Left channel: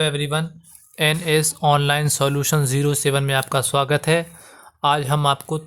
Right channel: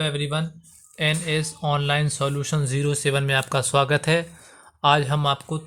Everyone, NS online solution 07 में आपका स्वागत है। आज हम आपको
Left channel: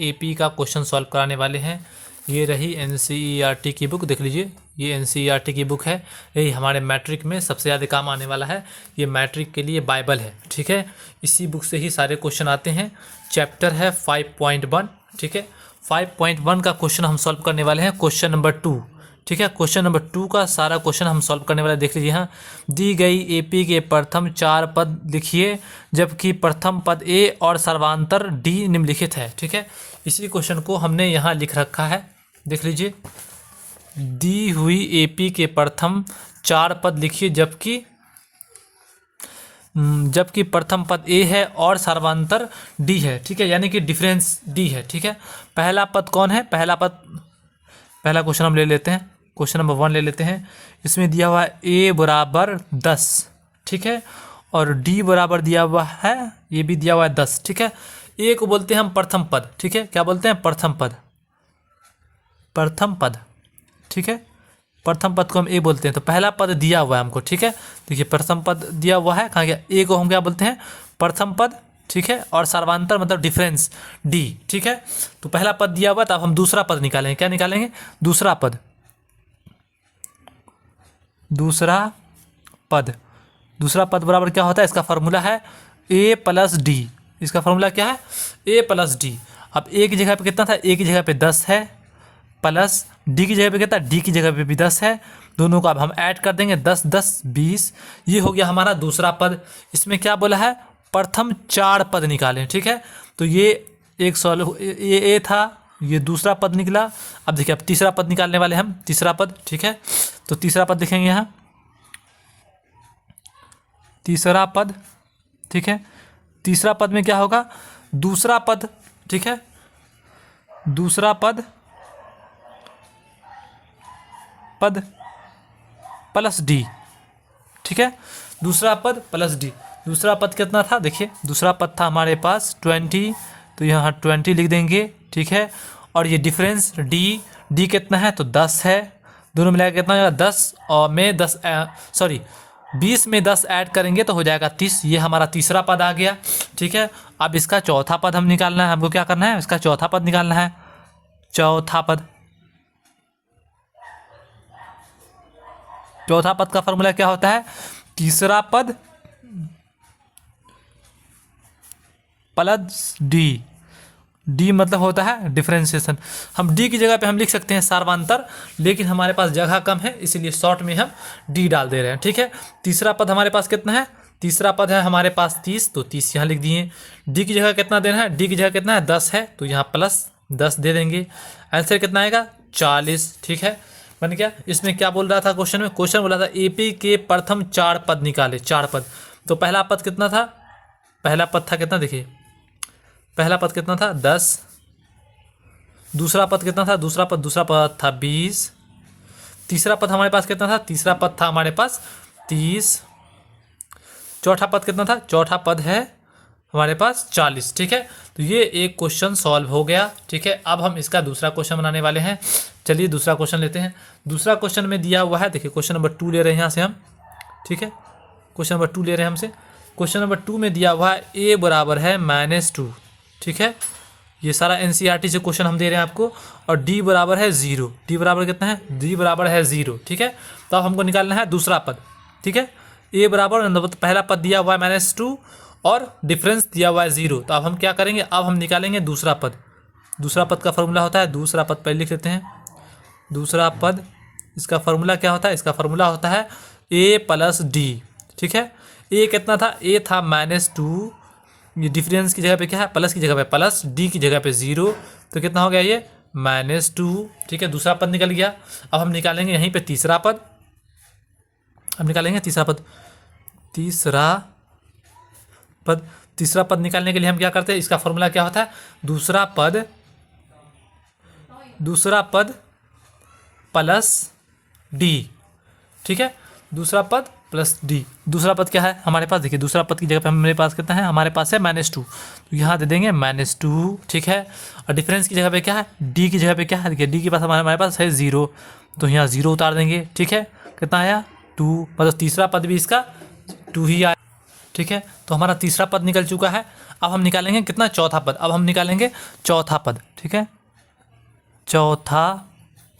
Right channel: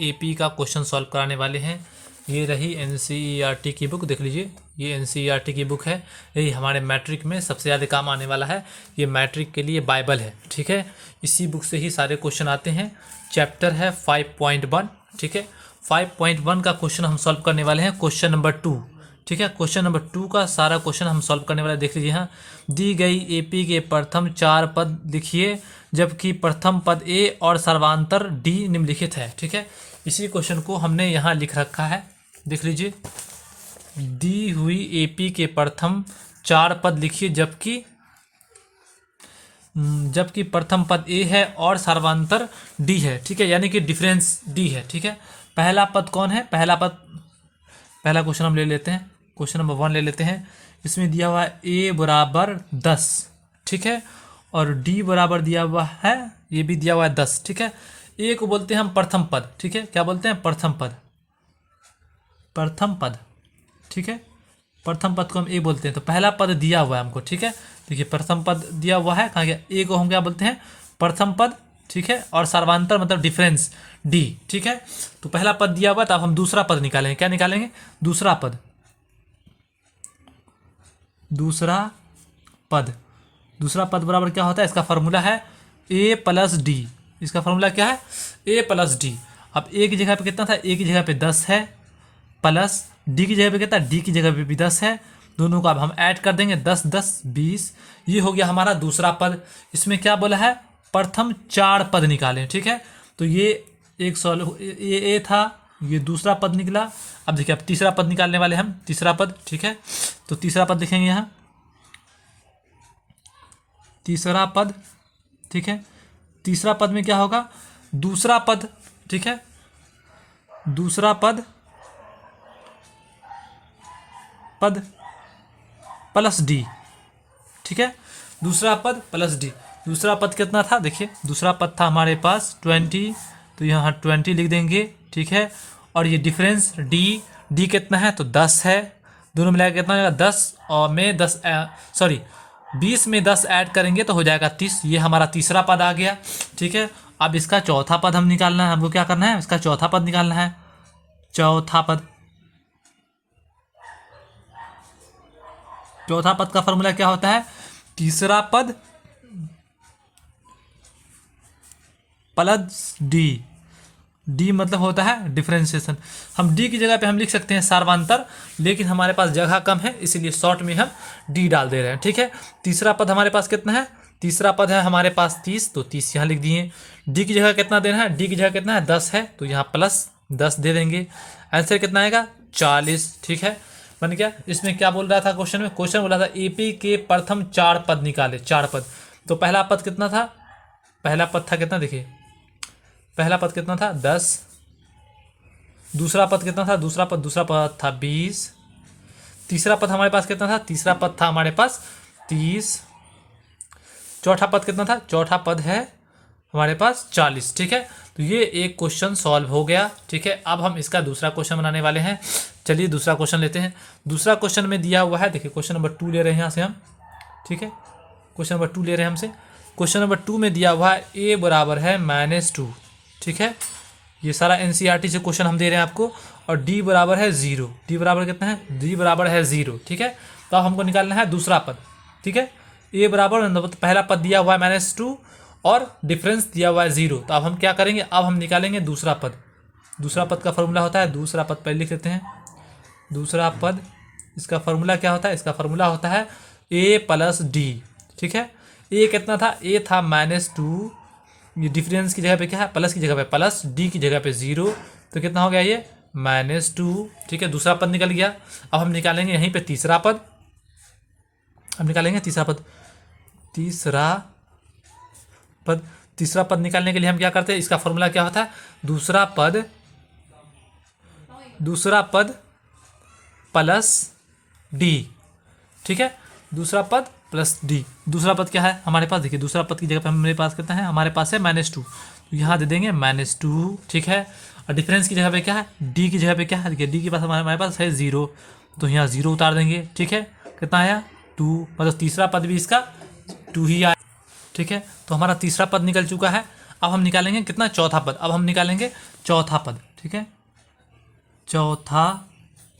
एपी का क्वेश्चन सॉल्व कराने वाले हैं। ये रही एनसीईआरटी की बुक, देख लीजिए। ये एनसीईआरटी की बुक है। यही हमारे मैट्रिक में सबसे ज़्यादा काम आने वाला है। ये मैट्रिक के लिए बाइबल है, ठीक है। इसी बुक से ही सारे क्वेश्चन आते हैं। चैप्टर है 5.1, ठीक है। 5.1 का क्वेश्चन हम सॉल्व करने वाले हैं, क्वेश्चन नंबर 2, ठीक है। क्वेश्चन नंबर 2 का सारा क्वेश्चन हम सॉल्व करने वाले, देख लीजिए। यहाँ दी गई एपी के प्रथम 4 पद लिखिए, जबकि प्रथम पद ए और सर्वांतर डी निम्नलिखित है, ठीक है। इसी क्वेश्चन को हमने यहाँ लिख रखा है, देख लीजिए। दी हुई एपी के प्रथम 4 पद लिखिए, जबकि प्रथम पद ए है और सर्वांतर डी है, ठीक है, यानी कि डिफरेंस डी है, ठीक है। पहला पद कौन है? पहला क्वेश्चन हम ले लेते हैं, क्वेश्चन नंबर 1 ले लेते हैं। इसमें दिया हुआ है ए बराबर 10, ठीक है, और डी बराबर दिया हुआ है, ये भी दिया हुआ है 10, ठीक है। ए को बोलते हैं हम प्रथम पद, ठीक है। क्या बोलते हैं? प्रथम पद, ठीक है। प्रथम पद को हम ए बोलते हैं। तो पहला पद दिया हुआ है हमको, ठीक है। देखिए, प्रथम पद दिया हुआ है, कहाँ गया? ए को हम क्या बोलते हैं? प्रथम पद, ठीक है, और सर्वांतर मतलब डिफरेंस डी, ठीक है। तो पहला पद दिया हुआ, तो अब हम दूसरा पद निकालेंगे। क्या निकालेंगे? दूसरा पद बराबर क्या होता है? इसका फॉर्मूला है ए प्लस डी। इसका फॉर्मूला क्या है? ए प्लस डी। अब ए की जगह पे कितना था? ए की जगह पे 10 है, प्लस डी की जगह पे कितना? डी की जगह पे भी 10 है। दोनों को अब हम ऐड कर देंगे, 10 10 20। ये हो गया हमारा दूसरा पद। इसमें क्या बोला है? प्रथम 4 पद निकालें, ठीक है। तो ये एक सॉल्व, ये ए था, ये दूसरा पद निकला। अब देखिए, अब तीसरा पद निकालने वाले हम, तीसरा पद, ठीक है। तो तीसरा पद लिखेंगे यहाँ, तीसरा पद, ठीक है। तीसरा पद में क्या होगा? दूसरा पद, ठीक है, दूसरा पद प्लस डी, ठीक है। दूसरा पद प्लस डी। दूसरा पद कितना था? देखिए, दूसरा पद था हमारे पास 20, तो यहाँ 20 लिख देंगे, ठीक है। और ये डिफरेंस डी कितना है? तो 10 है। दोनों मिलाकर कितना होगा? 10 और में 10 20 में 10 ऐड करेंगे तो हो जाएगा 30। ये हमारा तीसरा पद आ गया, ठीक है। अब इसका चौथा पद हम निकालना है। हमको क्या करना है? इसका चौथा पद निकालना है। चौथा पद का फॉर्मूला क्या होता है? तीसरा पद प्लस डी मतलब होता है डिफरेंशिएशन। हम डी की जगह पे हम लिख सकते हैं सर्वांतर, लेकिन हमारे पास जगह कम है, इसीलिए शॉर्ट में हम डी डाल दे रहे हैं, ठीक है। तीसरा पद हमारे पास कितना है? तीसरा पद है हमारे पास 30, तो 30 यहाँ लिख दिए। डी की जगह कितना देना है? डी की जगह कितना है? 10 है, तो यहाँ प्लस 10 दे देंगे। आंसर कितना आएगा? 40, ठीक है। बन गया। इसमें क्या बोल रहा था क्वेश्चन में? क्वेश्चन बोला था एपी के प्रथम 4 पद निकाले, 4 पद। तो पहला पद कितना था? पहला पद था कितना? देखिए, पहला पद कितना था? 10। दूसरा पद कितना था? दूसरा पद था 20। तीसरा पद हमारे पास कितना था? तीसरा पद था हमारे पास 30। चौथा पद कितना था? चौथा पद है हमारे पास 40, ठीक है। तो ये एक क्वेश्चन सॉल्व हो गया, ठीक है। अब हम इसका दूसरा क्वेश्चन बनाने वाले हैं। चलिए दूसरा क्वेश्चन लेते हैं। दूसरा क्वेश्चन में दिया हुआ है, देखिए, क्वेश्चन नंबर 2 ले रहे हैं यहाँ से हम, ठीक है। क्वेश्चन नंबर 2 ले रहे हैं हमसे। क्वेश्चन नंबर 2 में दिया हुआ है ए बराबर है -2, ठीक है। ये सारा एनसीईआरटी से क्वेश्चन हम दे रहे हैं आपको। और डी बराबर है 0। डी बराबर कितना है? डी बराबर है 0, ठीक है। तो अब हमको निकालना है दूसरा पद, ठीक है। ए बराबर, पहला पद दिया हुआ है -2 और डिफरेंस दिया हुआ है 0। तो अब हम क्या करेंगे? अब हम निकालेंगे दूसरा पद। दूसरा पद का फॉर्मूला होता है, दूसरा पद पहले लिख लेते हैं। दूसरा पद, इसका फॉर्मूला क्या होता है? इसका फॉर्मूला होता है ए प्लस डी, ठीक है। ए कितना था? ए था -2। ये डिफरेंस की जगह पे क्या है? प्लस की जगह पे प्लस, डी की जगह पे 0। तो कितना हो गया? ये -2, ठीक है। दूसरा पद निकल गया। अब हम निकालेंगे यहीं पे तीसरा पद। हम निकालेंगे तीसरा पद निकालने के लिए हम क्या करते हैं? इसका फॉर्मूला क्या होता है? दूसरा पद प्लस डी, ठीक है। दूसरा पद प्लस डी। दूसरा पद क्या है हमारे पास? देखिए, दूसरा पद की जगह पे हमारे पास कितना है? हमारे पास है -2, तो यहाँ दे देंगे -2, ठीक है। और डिफरेंस की जगह पे क्या है? डी की जगह पे क्या है? देखिए, डी के पास हमारे पास है 0, तो यहाँ 0 उतार देंगे, ठीक है। कितना आया? 2, मतलब तीसरा पद भी इसका 2 ही आया। ठीक है, तो हमारा तीसरा पद निकल चुका है। अब हम निकालेंगे कितना, चौथा पद। अब हम निकालेंगे चौथा पद। ठीक है, चौथा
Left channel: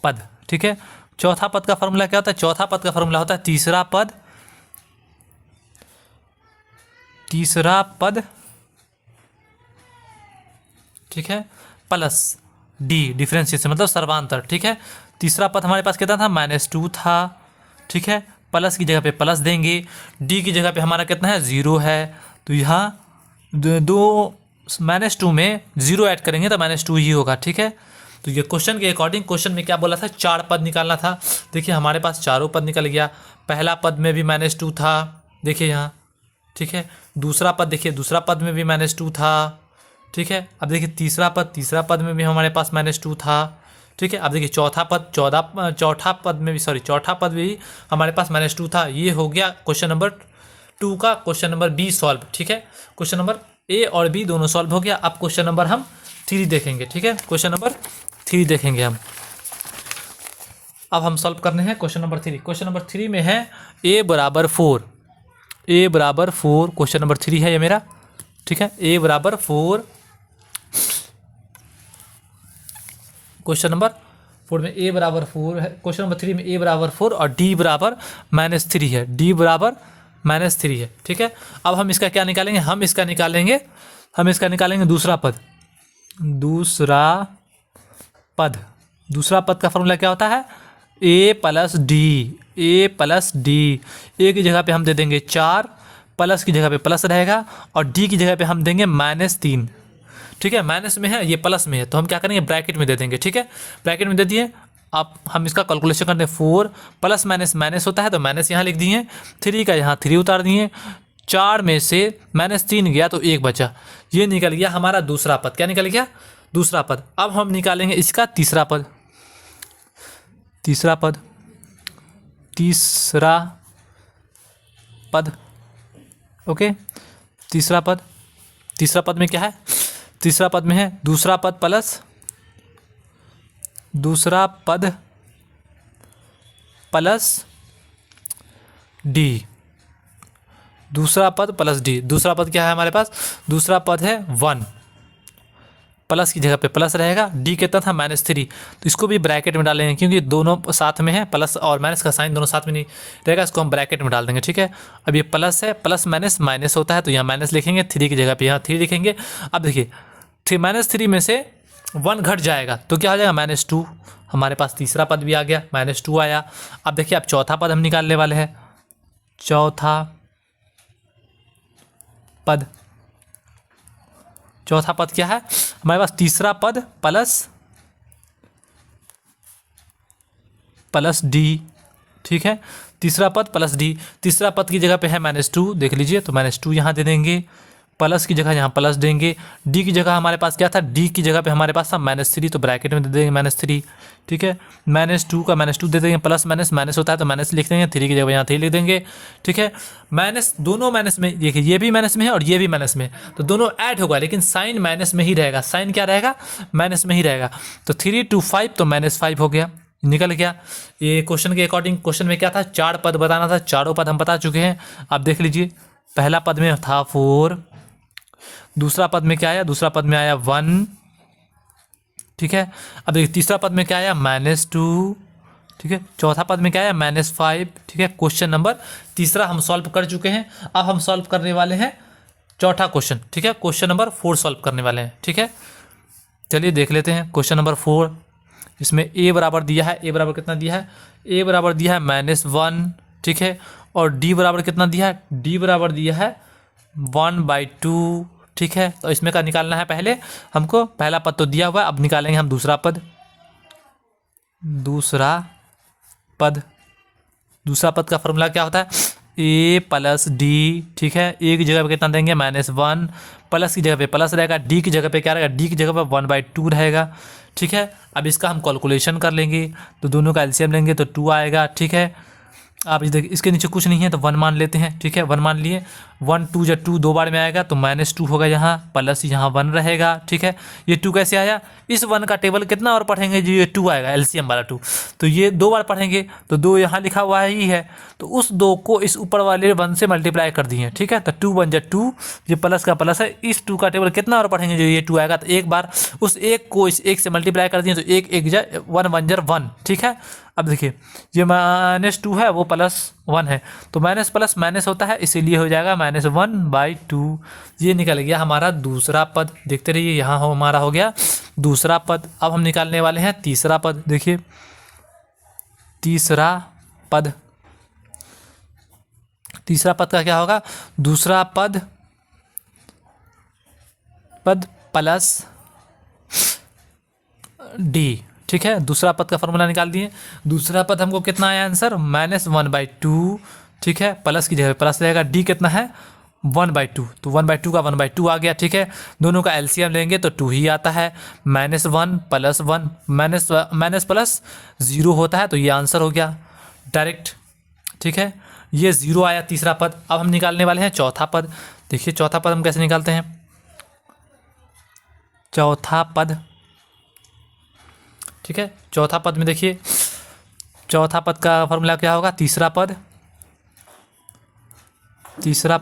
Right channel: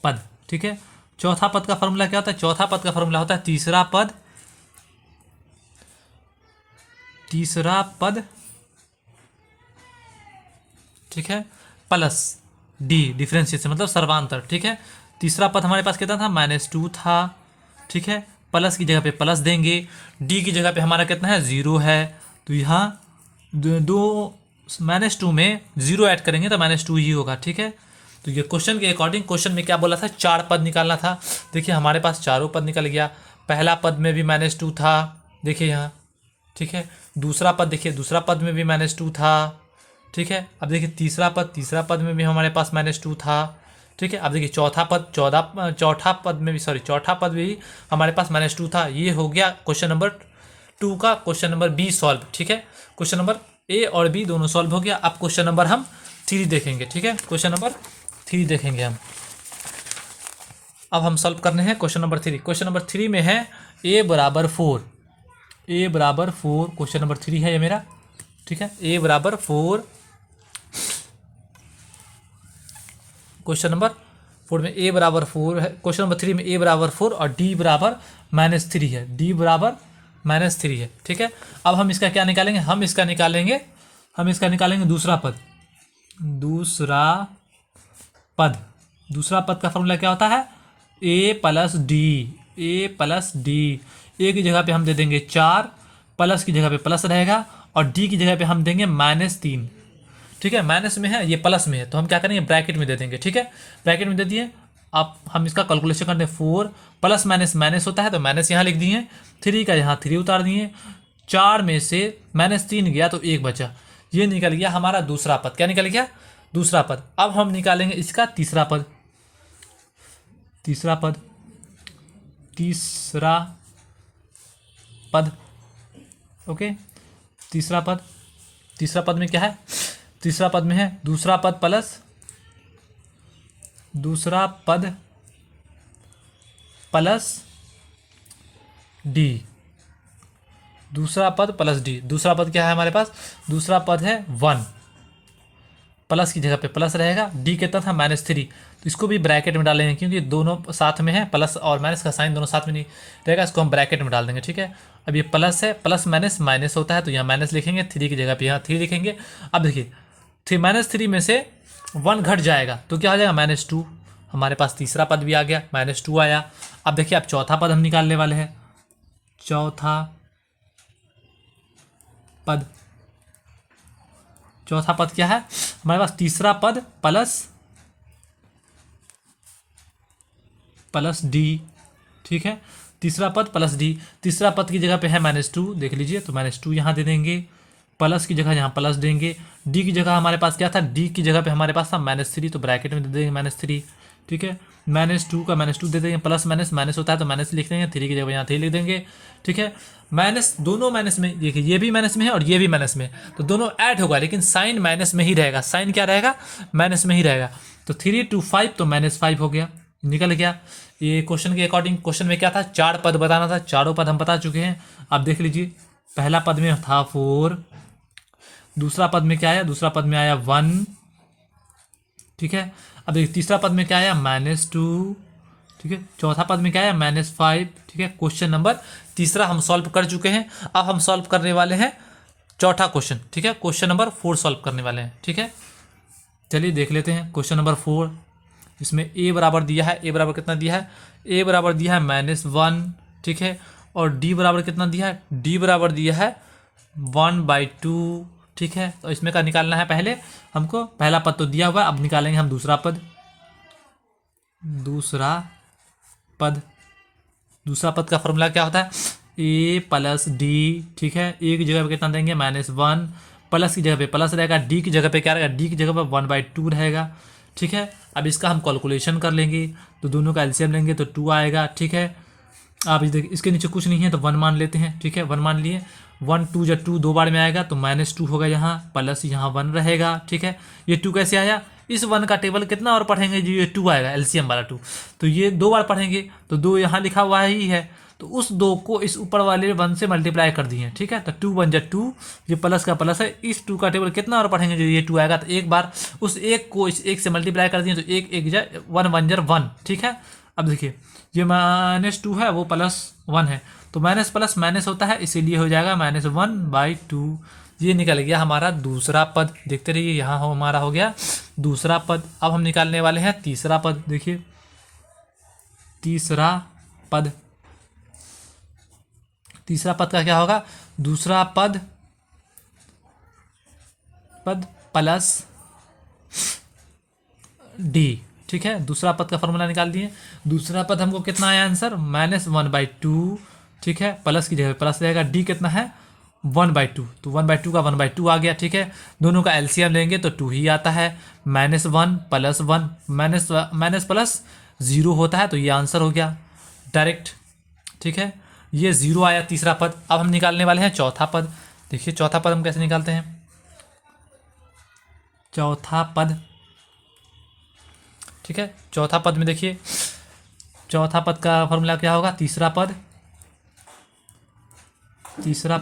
पद। ठीक है, चौथा पद का फॉर्मूला क्या होता है? चौथा पद का फॉर्मूला होता है तीसरा पद, तीसरा पद, ठीक है, प्लस डी, डिफरेंशिएशन मतलब सर्वांतर। ठीक है, तीसरा पद हमारे पास कितना था, -2 था। ठीक है, प्लस की जगह पे प्लस देंगे, डी की जगह पे हमारा कितना है, 0 है। तो यहाँ दो -2 में 0 ऐड करेंगे तो -2 ही होगा। ठीक है, तो ये क्वेश्चन के अकॉर्डिंग, क्वेश्चन में क्या बोला था, 4 पद निकालना था। देखिए हमारे पास चारों पद निकल गया। पहला पद में भी -2 था, देखिए यहाँ। ठीक है, दूसरा पद देखिए, दूसरा पद में भी -2 था। ठीक है, अब देखिए तीसरा पद, तीसरा पद में भी हमारे पास -2 था। ठीक है, अब देखिए चौथा पद, चौथा पद में भी, सॉरी, चौथा पद भी हमारे पास -2 था। ये हो गया क्वेश्चन नंबर 2 का क्वेश्चन नंबर बी सॉल्व। ठीक है, क्वेश्चन नंबर ए और बी दोनों सॉल्व हो गया। अब क्वेश्चन नंबर हम 3 देखेंगे। ठीक है, क्वेश्चन नंबर 3 देखेंगे हम। अब हम सॉल्व करने हैं क्वेश्चन नंबर 3। क्वेश्चन नंबर 3 में है a बराबर 4, a बराबर 4, क्वेश्चन नंबर 3 है ये मेरा। ठीक है, a बराबर 4, क्वेश्चन नंबर 4 में a बराबर 4 है। क्वेश्चन नंबर 3 में a बराबर 4 और d बराबर -3 है, d बराबर -3 है। ठीक है, अब हम इसका क्या निकालेंगे, हम इसका निकालेंगे दूसरा पद। दूसरा पद, दूसरा पद का फॉर्मूला क्या होता है, a plus D, a plus D. a की जगह पे हम दे देंगे 4, प्लस की जगह पे प्लस रहेगा, और d की जगह पे हम देंगे -3। ठीक है, माइनस में है, ये प्लस में है, तो हम क्या करेंगे, ब्रैकेट में दे देंगे। ठीक है, ब्रैकेट में दे दिए। अब हम इसका कैलकुलेशन करते हैं, 4 प्लस माइनस माइनस होता है, तो माइनस यहाँ लिख दिए, 3 का यहाँ 3 उतार दिए, 4 में से -3 गया तो 1 बचा। ये निकल गया हमारा दूसरा पद। क्या निकल गया, दूसरा पद। अब हम निकालेंगे इसका तीसरा पद, तीसरा पद, तीसरा पद। ओके, तीसरा पद, तीसरा पद में क्या है, तीसरा पद में है दूसरा पद प्लस, दूसरा पद प्लस डी, दूसरा पद प्लस डी। दूसरा पद क्या है हमारे पास, दूसरा पद है 1, प्लस की जगह पे प्लस रहेगा, डी कितना था -3, तो इसको भी ब्रैकेट में डालेंगे क्योंकि दोनों साथ में है, प्लस और माइनस का साइन दोनों साथ में नहीं रहेगा, इसको हम ब्रैकेट में डाल देंगे। ठीक है, अब ये प्लस है, प्लस माइनस माइनस होता है, तो यहाँ माइनस लिखेंगे, 3 की जगह पे यहाँ 3 लिखेंगे। अब देखिए -3 में से 1 घट जाएगा तो क्या हो जाएगा, -2। हमारे पास तीसरा पद भी आ गया, -2 आया। अब देखिए अब चौथा पद हम निकालने वाले हैं, चौथा पद। चौथा पद क्या है हमारे पास, तीसरा पद प्लस डी। ठीक है, तीसरा पद प्लस डी। तीसरा पद की जगह पे है -2, देख लीजिए, तो -2 यहाँ दे देंगे, प्लस की जगह यहाँ प्लस देंगे। डी की जगह हमारे पास क्या था, डी की जगह पे हमारे पास था -3, तो ब्रैकेट में दे देंगे -3। ठीक है, -2 का -2 दे देंगे, प्लस माइनस माइनस होता है तो माइनस लिख देंगे, 3 की जगह यहाँ 3 लिख देंगे। ठीक है, माइनस, दोनों माइनस में, देखिए ये भी माइनस में है और ये भी माइनस में है, तो दोनों ऐड होगा, लेकिन साइन माइनस में ही रहेगा। साइन क्या रहेगा, माइनस में ही रहेगा। तो 3 to 5 तो -5 हो गया, निकल गया। ये क्वेश्चन के अकॉर्डिंग, क्वेश्चन में क्या था, 4 पद बताना था, चारों पद हम बता चुके हैं। आप देख लीजिए, पहला पद में था 4, दूसरा पद में क्या आया, दूसरा पद में आया 1। ठीक है, अब देखिए तीसरा पद में क्या आया, -2। ठीक है, चौथा पद में क्या आया, -5। ठीक है, क्वेश्चन नंबर तीसरा हम सॉल्व कर चुके हैं। अब हम सॉल्व करने वाले हैं चौथा क्वेश्चन। ठीक है, क्वेश्चन नंबर 4 सॉल्व करने वाले हैं। ठीक है, चलिए देख लेते हैं क्वेश्चन नंबर 4। इसमें a बराबर दिया है, a बराबर कितना दिया है, a बराबर दिया है -1। ठीक है, और d बराबर कितना दिया है, d बराबर दिया है 1/2। ठीक है, तो इसमें का निकालना है पहले हमको, पहला पद तो दिया हुआ है, अब निकालेंगे हम दूसरा पद। दूसरा पद, दूसरा पद का फॉर्मूला क्या होता है, a प्लस डी। ठीक है, a की जगह पे कितना देंगे, -1, प्लस की जगह पे प्लस रहेगा, d की जगह पे क्या रहेगा, d की जगह पे 1/2 रहेगा। ठीक है, अब इसका हम कैलकुलेशन कर लेंगे, तो दोनों का एलसीएम लेंगे तो 2 आएगा। ठीक है, आप ये देखिए इसके नीचे कुछ नहीं है तो 1 मान लेते हैं, ठीक है। 1 मान लिए, 1 2 जब 2 दो बार में आएगा तो -2 होगा यहाँ, प्लस यहाँ 1 रहेगा, ठीक है। ये 2 कैसे आया, इस 1 का टेबल कितना और पढ़ेंगे जो ये 2 आएगा, एलसीएम वाला 2, तो ये 2 बार पढ़ेंगे तो 2 यहाँ लिखा हुआ ही है, तो उस 2 को इस ऊपर वाले 1 से मल्टीप्लाई कर दिए, ठीक है। तो 2 1 जा 2, ये प्लस का प्लस है, इस 2 का टेबल कितना और पढ़ेंगे जो ये 2 आएगा, तो एक बार उस 1 को इस 1 से मल्टीप्लाई कर दिए तो 1 1 जा 1 1 जा 1, ठीक है। अब देखिए ये -2 है वो +1 है, तो माइनस प्लस माइनस होता है, इसीलिए हो जाएगा -1/2। ये निकल गया हमारा दूसरा पद। देखते रहिए, यहाँ हो हमारा हो गया दूसरा पद। अब हम निकालने वाले हैं तीसरा पद। देखिए तीसरा पद, तीसरा पद का क्या होगा, दूसरा पद प्लस डी, ठीक है। दूसरा पद का फॉर्मूला निकाल दिए। दूसरा पद हमको कितना आया आंसर, -1/2, ठीक है। प्लस की जगह प्लस रहेगा, डी कितना है 1/2, तो 1/2 का 1/2 आ गया, ठीक है। दोनों का एलसीएम लेंगे तो 2 ही आता है। -1 + 1 माइनस प्लस 0 होता है, तो ये आंसर हो गया डायरेक्ट, ठीक है। ये 0 आया तीसरा पद। अब हम निकालने वाले हैं चौथा पद। देखिए चौथा पद हम कैसे निकालते हैं, चौथा पद, ठीक है। चौथा पद में देखिए चौथा पद का फॉर्मूला क्या होगा, तीसरा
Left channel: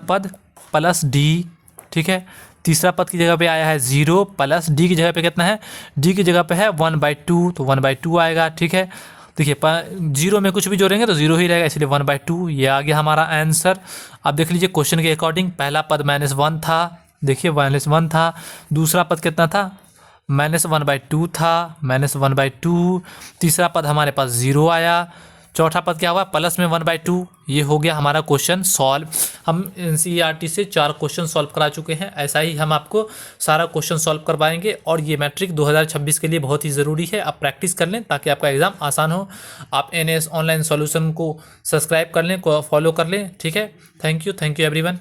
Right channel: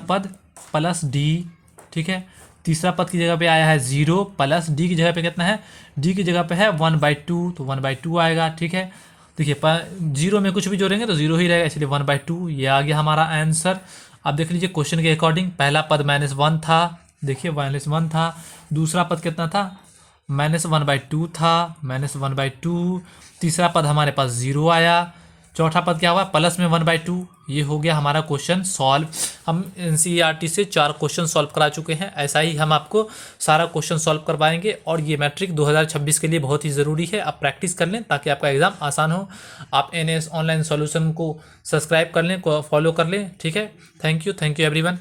पद प्लस डी, ठीक है। तीसरा पद की जगह पे आया है 0, प्लस डी की जगह पे कितना है, डी की जगह पे है 1/2, तो 1/2 आएगा, ठीक है। देखिए 0 में कुछ भी जोड़ेंगे तो 0 ही रहेगा, इसलिए 1/2 ये आ गया हमारा आंसर। अब देख लीजिए क्वेश्चन के अकॉर्डिंग पहला पद -1 था, देखिए -1 था। दूसरा पद कितना था, -1/2 था, -1/2। तीसरा पद हमारे पास 0 आया। चौथा पद क्या हुआ, प्लस में 1/2। ये हो गया हमारा क्वेश्चन सॉल्व। हम एनसीईआरटी से 4 क्वेश्चन सॉल्व करा चुके हैं, ऐसा ही हम आपको सारा क्वेश्चन सॉल्व करवाएंगे। और ये मैट्रिक 2026 के लिए बहुत ही ज़रूरी है, आप प्रैक्टिस कर लें ताकि आपका एग्ज़ाम आसान हो। आप NS ऑनलाइन सॉल्यूशन को सब्सक्राइब कर लें, फॉलो कर लें, ठीक है। Thank you everyone.